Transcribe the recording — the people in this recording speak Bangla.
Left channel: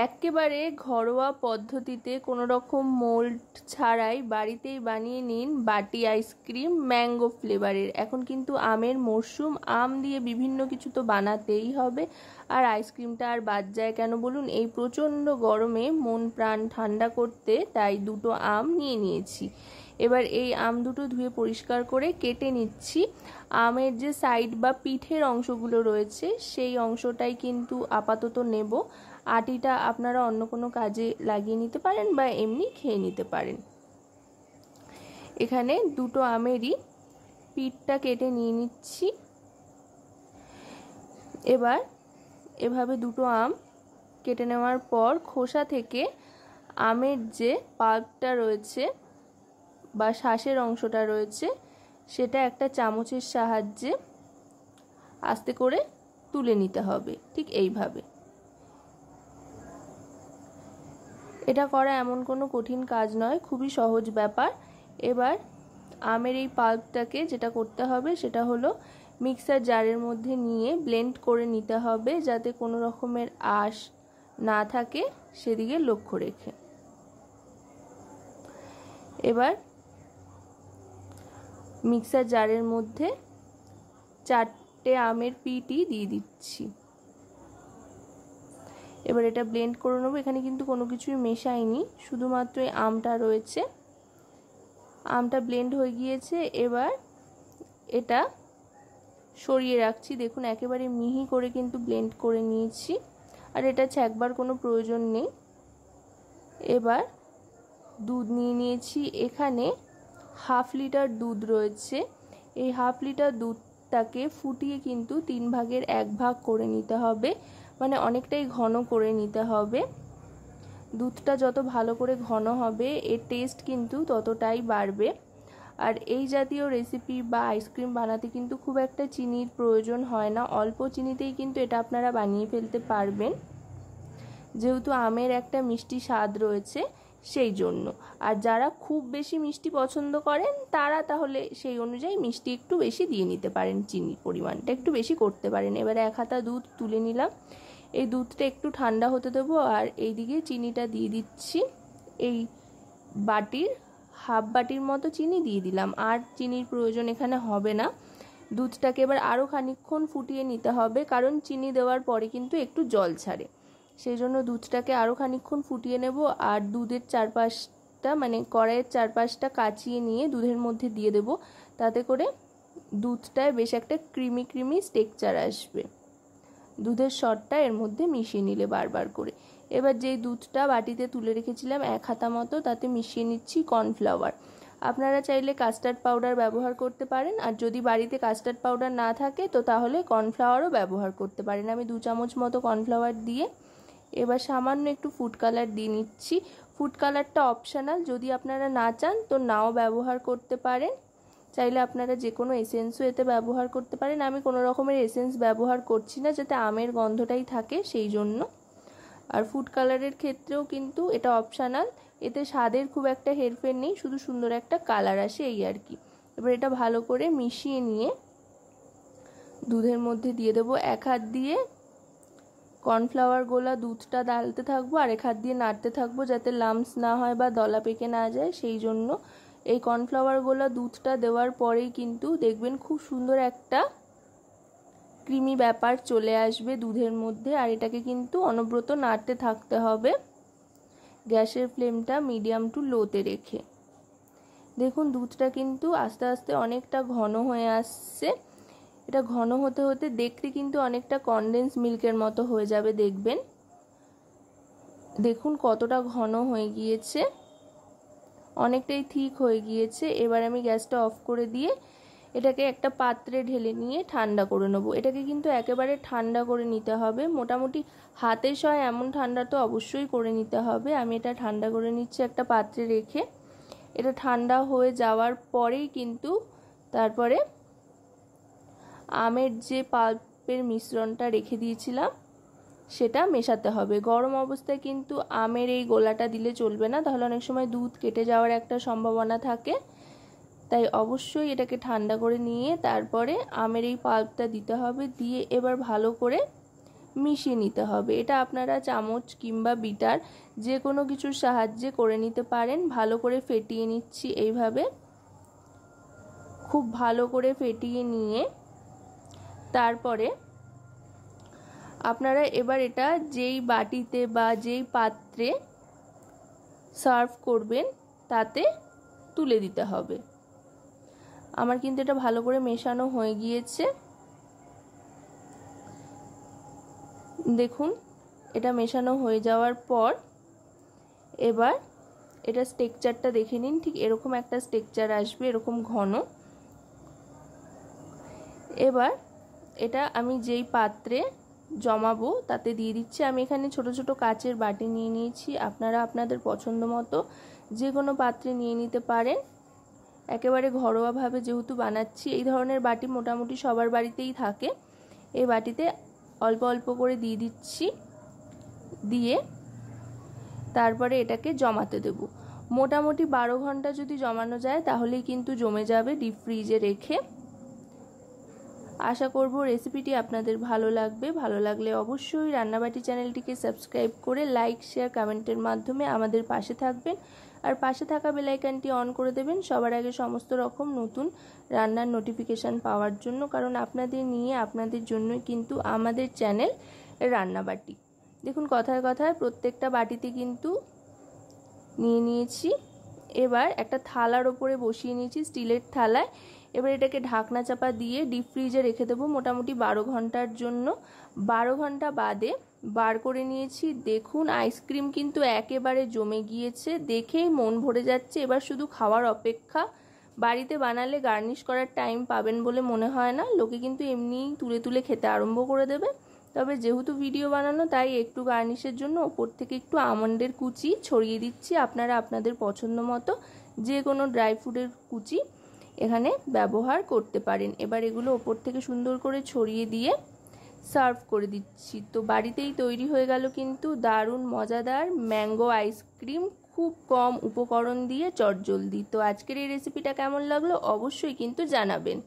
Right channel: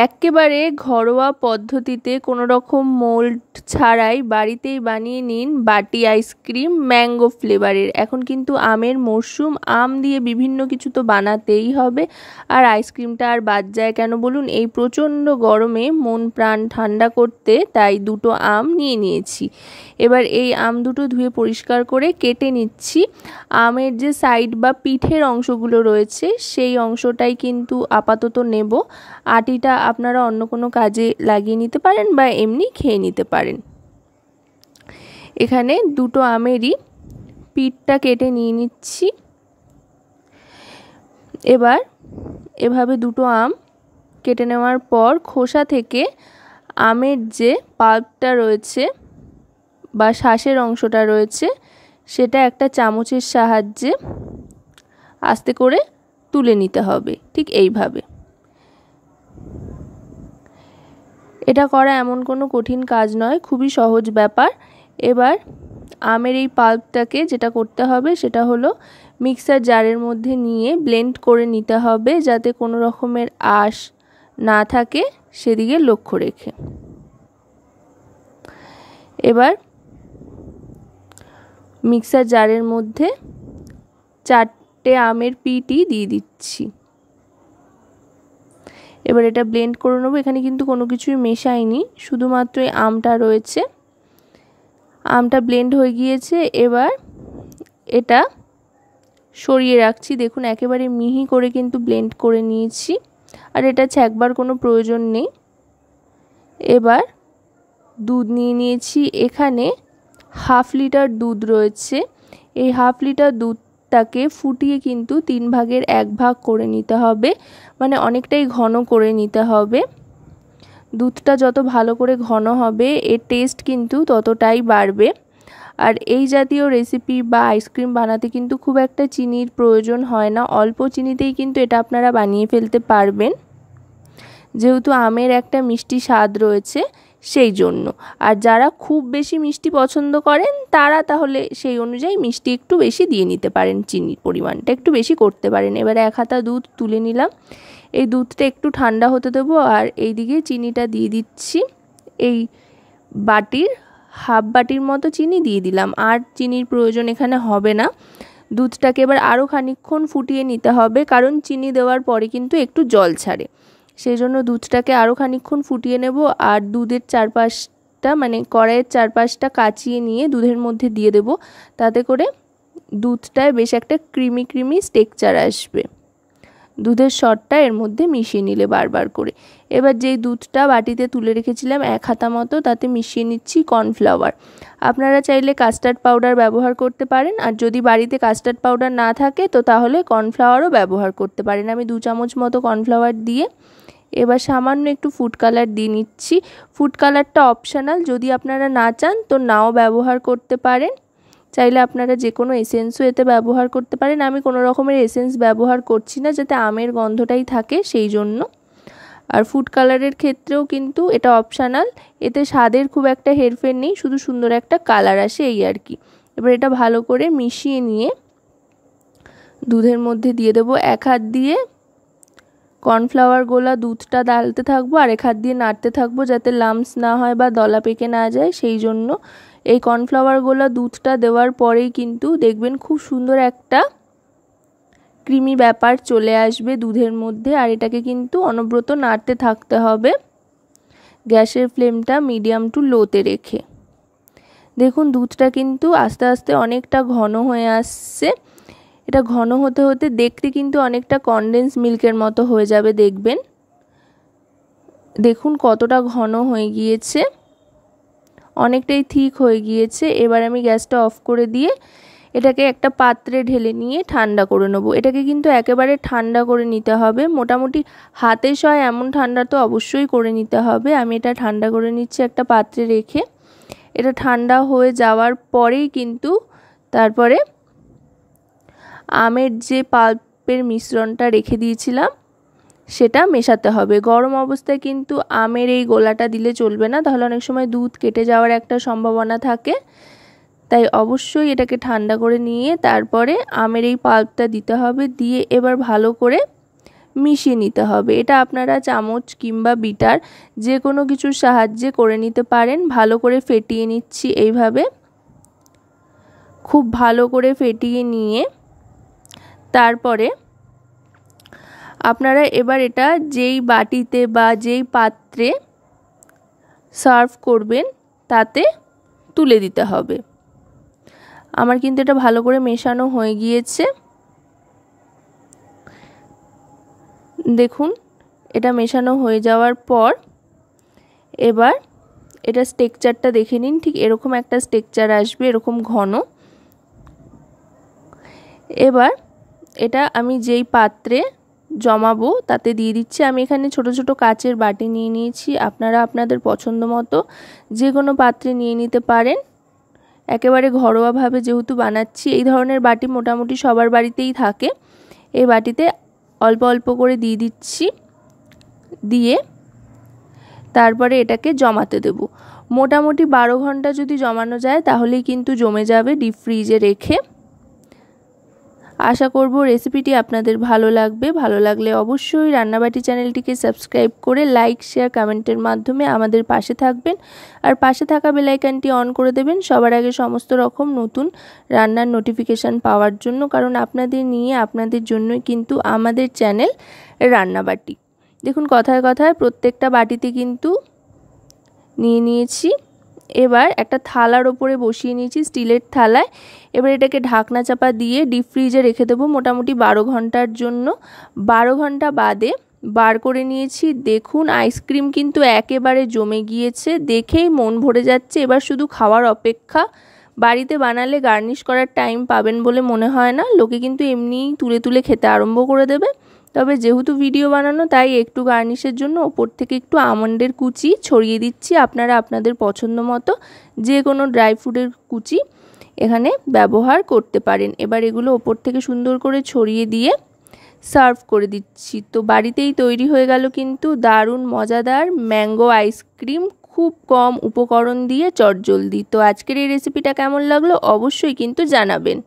একেবারে ঘরোয়া পদ্ধতিতে কোনো রকম মোল্ড ছাড়াই বাড়িতেই বানিয়ে নিন বাটি আইসক্রিম ম্যাঙ্গো ফ্লেভারের। এখন কিন্তু আমের মরশুম, আম দিয়ে বিভিন্ন কিছু তো বানাতেই হবে। আর আইসক্রিমটা আর বাদ যায় কেন বলুন? এই প্রচণ্ড গরমে মন প্রাণ ঠান্ডা করতে তাই দুটো আম নিয়ে নিয়েছি। এবার এই আম দুটো ধুয়ে পরিষ্কার করে কেটে নিচ্ছি। আমের যে সাইড বা পিঠের অংশগুলো রয়েছে সেই অংশটাই কিন্তু আপাতত নেব। আটিটা আপনারা অন্য কোনো কাজে লাগিয়ে নিতে পারেন বা এমনি খেয়ে নিতে পারেন। এখানে দুটো আমেরই পিঠটা কেটে নিয়ে নিচ্ছি। এবার এভাবে দুটো আম কেটে নেওয়ার পর খোসা থেকে আমের যে পাল্পটা রয়েছে বা শাঁসের অংশটা রয়েছে সেটা একটা চামচের সাহায্যে আস্তে করে তুলে নিতে হবে, ঠিক এইভাবে। এটা করা এমন কোনো কঠিন কাজ নয়, খুবই সহজ ব্যাপার। এবার আমের এই পাল্পটাকে যেটা করতে হবে সেটা হলো মিক্সার জারের মধ্যে নিয়ে ব্লেন্ড করে নিতে হবে, যাতে কোনো রকমের আঁশ না থাকে সেদিকে লক্ষ্য রেখে। এবার মিক্সার জারের মধ্যে 4টে আমের পিঠই দিয়ে দিচ্ছি। এবার এটা ব্লেন্ড করে নেবো। এখানে কিন্তু কোনো কিছুই মেশাইনি, শুধুমাত্র এই আমটা রয়েছে। আমটা ব্লেন্ড হয়ে গিয়েছে। এবার এটা সরিয়ে রাখছি। দেখুন একেবারে মিহি করে কিন্তু ব্লেন্ড করে নিয়েছি, আর এটা ছ্যাঁকবার কোনো প্রয়োজন নেই। এবার দুধ নিয়ে নিয়েছি। এখানে 1/2 লিটার দুধ রয়েছে। এই 1/2 লিটার দুধটাকে ফুটিয়ে কিন্তু 3 ভাগের 1 ভাগ করে নিতে হবে, মানে অনেকটাই ঘন করে নিতে হবে। দুধটা যত ভালো করে ঘন হবে এর টেস্ট কিন্তু ততটাই বাড়বে। আর এই জাতীয় রেসিপি বা আইসক্রিম বানাতে কিন্তু খুব একটা চিনির প্রয়োজন হয় না, অল্প চিনিতেই কিন্তু এটা আপনারা বানিয়ে ফেলতে পারবেন, যেহেতু আমের একটা মিষ্টি স্বাদ রয়েছে সেই জন্য। আর যারা খুব বেশি মিষ্টি পছন্দ করেন তারা তাহলে সেই অনুযায়ী মিষ্টি একটু বেশি দিয়ে নিতে পারেন, চিনির পরিমাণটা একটু বেশি করতে পারেন। এবারে 1 হাতা দুধ তুলে নিলাম। এই দুধটা একটু ঠান্ডা হতে দেবো, আর এইদিকে চিনিটা দিয়ে দিচ্ছি। এই বাটির 1/2 বাটির মতো চিনি দিয়ে দিলাম, আর চিনির প্রয়োজন এখানে হবে না। দুধটাকে এবার আরও খানিকক্ষণ ফুটিয়ে নিতে হবে, কারণ চিনি দেওয়ার পরে কিন্তু একটু জল ছাড়ে, সেই জন্য দুধটাকে আরও খানিকক্ষণ ফুটিয়ে নেব। আর দুধের চারপাশটা মানে কড়াইয়ের চারপাশটা কাচিয়ে নিয়ে দুধের মধ্যে দিয়ে দেব, তাতে করে দুধটায় বেশ একটা ক্রিমি ক্রিমি টেক্সচার আসবে। দুধের সরটা এর মধ্যে মিশিয়ে নিলে বারবার করে। এবার যেই দুধটা বাটিতে তুলে রেখেছিলাম 1 হাতা মতো, তাতে মিশিয়ে নিচ্ছি কর্নফ্লাওয়ার। আপনারা চাইলে কাস্টার্ড পাউডার ব্যবহার করতে পারেন, আর যদি বাড়িতে কাস্টার্ড পাউডার না থাকে তো তাহলে কর্নফ্লাওয়ারও ব্যবহার করতে পারেন। আমি 2 চামচ মতো কর্নফ্লাওয়ার দিয়ে এবার সামান্য একটু ফুড কালার দিয়ে নিচ্ছি। ফুড কালারটা অপশনাল, যদি আপনারা না চান তো নাও ব্যবহার করতে পারেন। চাইলে আপনারা যে কোনো এসেন্সও এতে ব্যবহার করতে পারেন। আমি কোনো রকমের এসেন্স ব্যবহার করছি না, যাতে আমের গন্ধটাই থাকে সেই জন্য। আর ফুড কালারের ক্ষেত্রেও কিন্তু এটা অপশনাল, এতে স্বাদের খুব একটা হেরফের নেই, শুধু সুন্দর একটা কালার আসে এই আর কি। এবার এটা ভালো করে মিশিয়ে নিয়ে দুধের মধ্যে দিয়ে দেবো। 1 হাত দিয়ে কর্নফ্লাওয়ার গোলা দুধটা ডালতে থাকবো, আর 1 হাত দিয়ে নাড়তে থাকবো যাতে লাম্পস না হয় বা দলা পেকে না যায়, সেই জন্য। এই কর্নফ্লাওয়ার গোলা দুধটা দেওয়ার পরেই কিন্তু দেখবেন খুব সুন্দর একটা ক্রিমি ব্যাপার চলে আসবে দুধের মধ্যে। আর এটাকে কিন্তু অনবরত নাড়তে থাকতে হবে, গ্যাসের ফ্লেমটা মিডিয়াম টু লোতে রেখে। দেখুন দুধটা কিন্তু আস্তে আস্তে অনেকটা ঘন হয়ে আসছে। এটা ঘন হতে হতে দেখতে কিন্তু অনেকটা কনডেন্স মিল্কের মতো হয়ে যাবে দেখবেন। দেখুন কতটা ঘন হয়ে গিয়েছে, অনেকটাই থিক হয়ে গিয়েছে। এবার আমি গ্যাসটা অফ করে দিয়ে এটাকে একটা পাত্রে ঢেলে নিয়ে ঠান্ডা করে নেবো। এটাকে কিন্তু একেবারে ঠান্ডা করে নিতে হবে, মোটামুটি হাতে সয় এমন ঠান্ডা তো অবশ্যই করে নিতে হবে। আমি এটা ঠান্ডা করে নিচ্ছি একটা পাত্রে রেখে। এটা ঠান্ডা হয়ে যাওয়ার পরেই কিন্তু তারপরে আমের যে পাল্পের মিশ্রণটা রেখে দিয়েছিলাম সেটা মেশাতে হবে। গরম অবস্থায় কিন্তু আমের এই গোলাটা দিলে চলবে না, তাহলে অনেক সময় দুধ কেটে যাওয়ার একটা সম্ভাবনা থাকে। তাই অবশ্যই এটাকে ঠান্ডা করে নিয়ে তারপরে আমের এই পাল্পটা দিতে হবে। দিয়ে এবার ভালো করে মিশিয়ে নিতে হবে। এটা আপনারা চামচ কিংবা বিটার যে কোনো কিছুর সাহায্যে করে নিতে পারেন। ভালো করে ফেটিয়ে নিচ্ছি এইভাবে, খুব ভালো করে ফেটিয়ে নিয়ে তারপরে আপনারা এবার এটা যেই বাটিতে বা যেই পাত্রে সার্ভ করবেন তাতে তুলে দিতে হবে। আমার কিন্তু এটা ভালো করে মেশানো হয়ে গিয়েছে। দেখুন এটা মেশানো হয়ে যাওয়ার পর এবার এটা স্ট্রাকচারটা দেখে নিন। ঠিক এরকম একটা স্ট্রাকচার আসবে, এরকম ঘন। এবার এটা আমি যেই পাত্রে জমাবো তাতে দিয়ে দিচ্ছি। আমি এখানে ছোট ছোট কাচের বাটি নিয়ে নিয়েছি। আপনারা আপনাদের পছন্দ মতো যে কোনো পাত্রে নিয়ে নিতে পারেন। একেবারে ঘরোয়াভাবে যেহেতু বানাচ্ছি, এই ধরনের বাটি মোটামুটি সবার বাড়িতেই থাকে। এই বাটিতে অল্প অল্প করে দিয়ে দিচ্ছি, দিয়ে তারপরে এটাকে জমাতে দেব। মোটামুটি 12 ঘন্টা যদি জমানো যায় তাহলেই কিন্তু জমে যাবে ডিপ ফ্রিজে রেখে। আশা করব রেসিপিটি আপনাদের ভালো লাগবে। ভালো লাগলে অবশ্যই রান্নাবাটি চ্যানেলটিকে সাবস্ক্রাইব করে লাইক শেয়ার কমেন্টের মাধ্যমে আমাদের পাশে থাকবেন। আর পাশে থাকা বেল আইকনটি অন করে দেবেন সবার আগে সমস্ত রকম নতুন রান্নার নোটিফিকেশান পাওয়ার জন্য। কারণ আপনাদের নিয়ে আপনাদের জন্যই কিন্তু আমাদের চ্যানেল রান্নাবাটি। দেখুন কথায় কথায় প্রত্যেকটা বাটিতে কিন্তু নিয়ে নিয়েছি। এবার একটা থালার ওপরে বসিয়ে নিয়েছি, স্টিলের থালায়। এবার এটাকে ঢাকনা চাপা দিয়ে ডিপ ফ্রিজে রেখে দেবো মোটামুটি 12 ঘন্টার জন্য। 12 ঘন্টা বাদে বার করে নিয়েছি। দেখুন আইসক্রিম কিন্তু একেবারে জমে গিয়েছে, দেখেই মন ভরে যাচ্ছে। এবার শুধু খাওয়ার অপেক্ষা। বাড়িতে বানালে গার্নিশ করার টাইম পাবেন বলে মনে হয় না। লোকে কিন্তু এমনিই তুলে তুলে খেতে আরম্ভ করে দেবে। তবে যেহেতু ভিডিও বানানো তাই একটু গার্নিশের জন্য ওপর থেকে একটু আমন্ডের কুচি ছড়িয়ে দিচ্ছি। আপনারা আপনাদের পছন্দ মতো যে কোনো ড্রাই ফ্রুটের কুচি এখানে ব্যবহার করতে পারেন। এবার এগুলো ওপর থেকে সুন্দর করে ছড়িয়ে দিয়ে সার্ভ করে দিচ্ছি। তো বাড়িতেই তৈরি হয়ে গেল কিন্তু দারুণ মজাদার ম্যাঙ্গো আইসক্রিম, খুব কম উপকরণ দিয়ে চটজলদি। তো আজকের এই রেসিপিটা কেমন লাগলো অবশ্যই কিন্তু জানাবেন।